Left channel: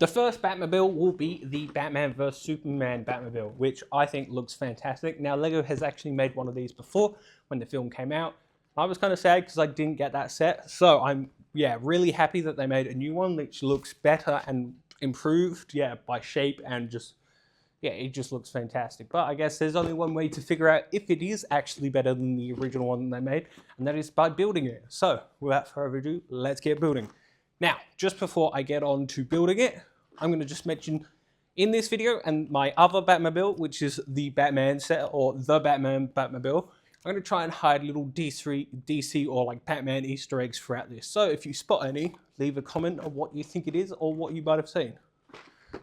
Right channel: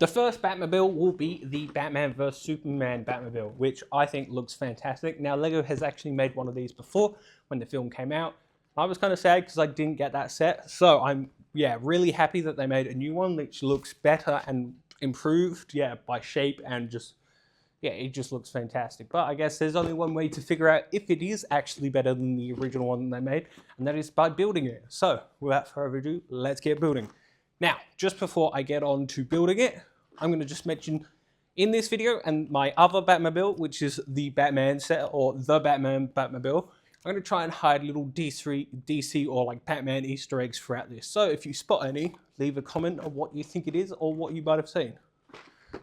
The first Batmobile will be the Batman vs Superman Batmobile, which I think looks fantastic. Now, Lego has actually made one of these before when the film came out. I was kind of sad because I didn't get that set. So I'm, really happy that they made a new one which looks better and improved, by shape and just, it just looks fantastic. But I guess there's only one way to figure out if it is actually better than the original one they made, and that is by building it. So without further ado, let's get building. Now, just before I get on to building it, I'm going to just mention in this video and my other Batmobile, which is the Batman set or the Batman Batmobile, I'm going to try and hide little DC or like Batman Easter eggs throughout this. So if you spot any, leave a comment on what you think it is or what you might have seen.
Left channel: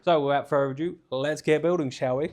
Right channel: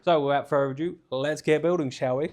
So without further ado, let's get building, shall we?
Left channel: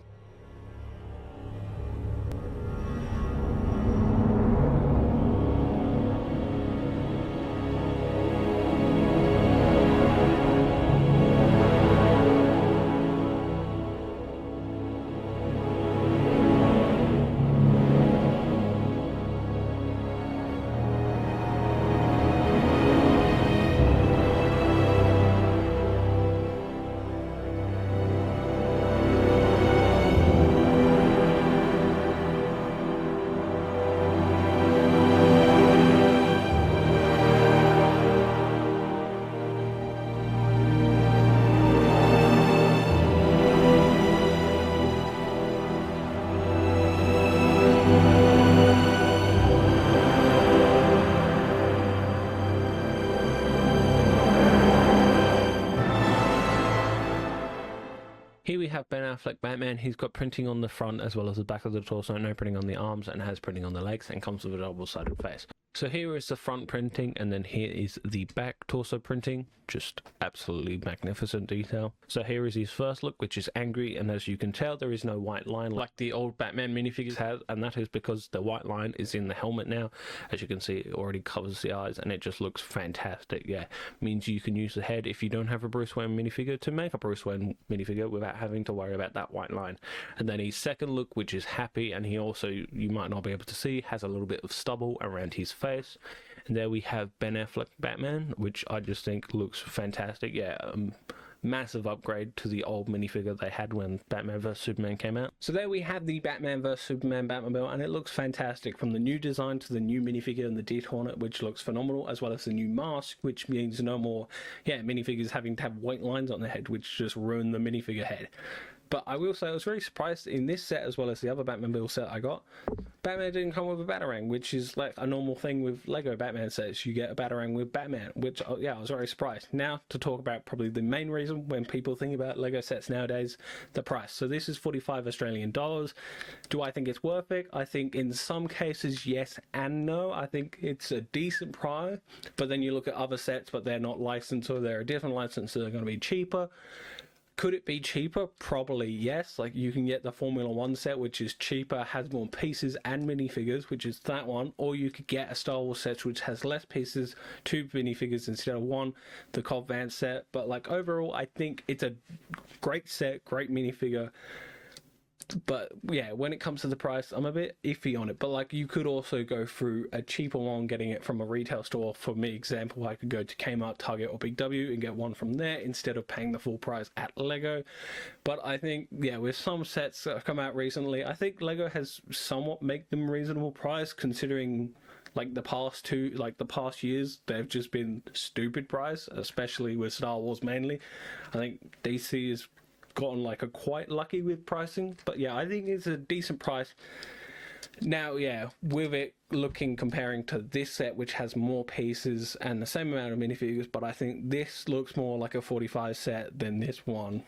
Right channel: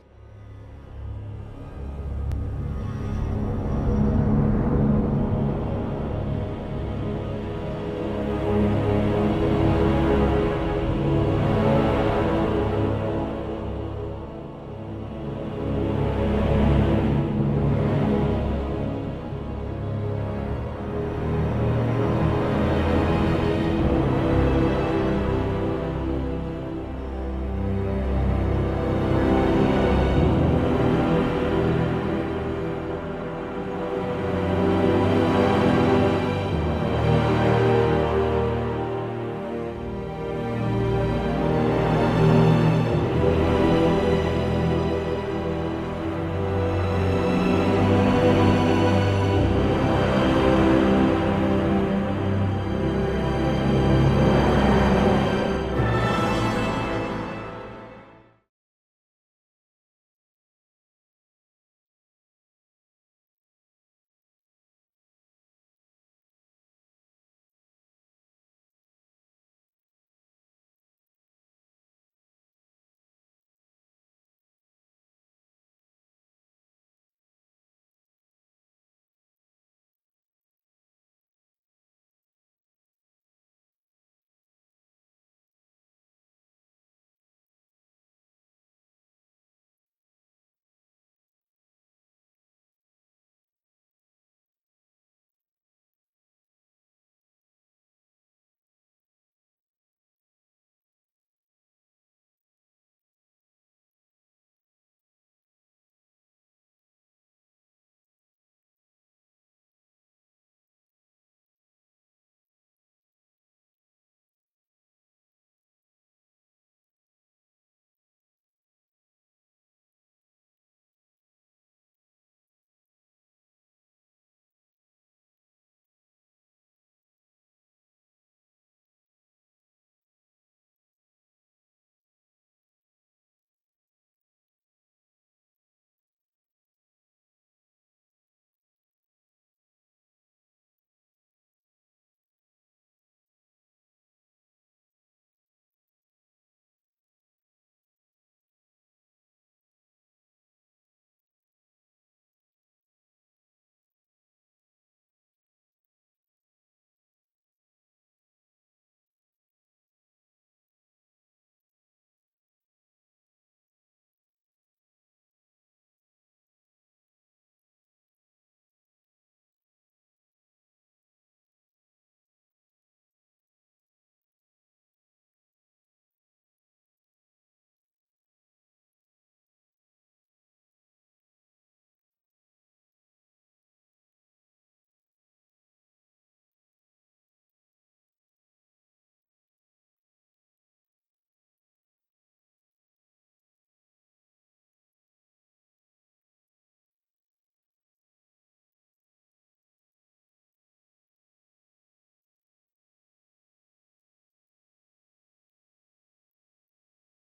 Here we have Ben Affleck Batman. He's got printing on the front as well as the back of the torso, no printing on the arms, and has printing on the legs, and comes with a double-sided face. So here is the front printing, and then here is the back torso printing. Just absolutely magnificent detail. So here is his first look, which is angry, and as you can tell, there is no white line like the old Batman minifigures have, and that is because the white line is in the helmet now. As you can see, it already covers the eyes, and it just looks fantastic. Means you can use the head if you don't have a Bruce Wayne minifigure to make a Bruce Wayne minifigure without having to worry about that white line. And then his second look, which is happy, and he also, you might not be able to see, has a little bit of stubble around his face. And there we have Ben Affleck Batman, which I just think looks fantastic. Massive upgrade to the old minifigure they had when Batman vs Superman came out. So there we have the Batman vs Superman Batmobile, and it looks fantastic, from the new design to the new minifigure and the detail on it, which looks phenomenal, as well as the new mask, which means no more minifigures having to have white lines on their head, which just ruin the minifigure head. But I will say I was very surprised in this set, as well as the other Batmobile set I got, Batman didn't come with a Batarang, which is like a normal thing with Lego Batman sets. You get a Batarang with Batman, which, I was very surprised. Now, to talk about probably the main reason when people think about Lego sets nowadays, the price. So this is 45 Australian dollars. Do I think it's worth it? I think in some cases, yes and no. I think it's a decent price, but then you look at other sets, but they're not licensed, or they're a different license, so they're going to be cheaper. Could it be cheaper? Probably yes. Like, you can get the Formula 1 set, which is cheaper, has more pieces and minifigures, which is that one. Or you could get a Star Wars set, which has less pieces, 2 minifigures instead of 1, the Cobb Vanth set. But like, overall, I think it's a great set, great minifigure. But when it comes to the price, I'm a bit iffy on it. But like, you could also go through a cheaper one, getting it from a retail store. For me, example, I could go to Kmart, Target, or Big W and get one from there instead of paying the full price at Lego. But I think, with some sets that have come out recently, I think Lego has somewhat made them reasonable price, considering like the past years, they've just been stupid price, especially with Star Wars mainly. I think DC is gotten like quite lucky with pricing, but I think it's a decent price. Now, with it comparing to this set, which has more pieces and the same amount of minifigures, but I think this looks more like a 45 set than this one.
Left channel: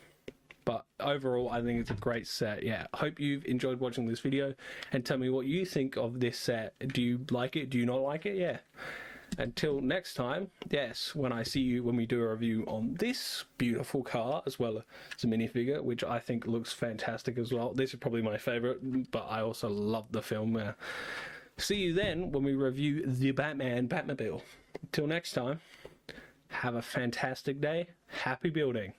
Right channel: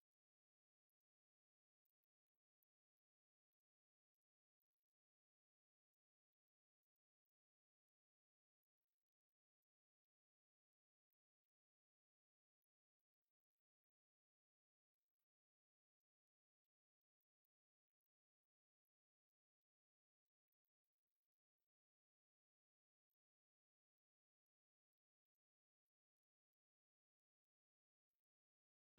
But overall, I think it's a great set. Hope you've enjoyed watching this video, and tell me what you think of this set. Do you like it? Do you not like it? Until next time, when I see you, when we do a review on this beautiful car, as well as a minifigure, which I think looks fantastic as well. This is probably my favorite, but I also love the film. See you then when we review the Batman Batmobile. Till next time, have a fantastic day. Happy building.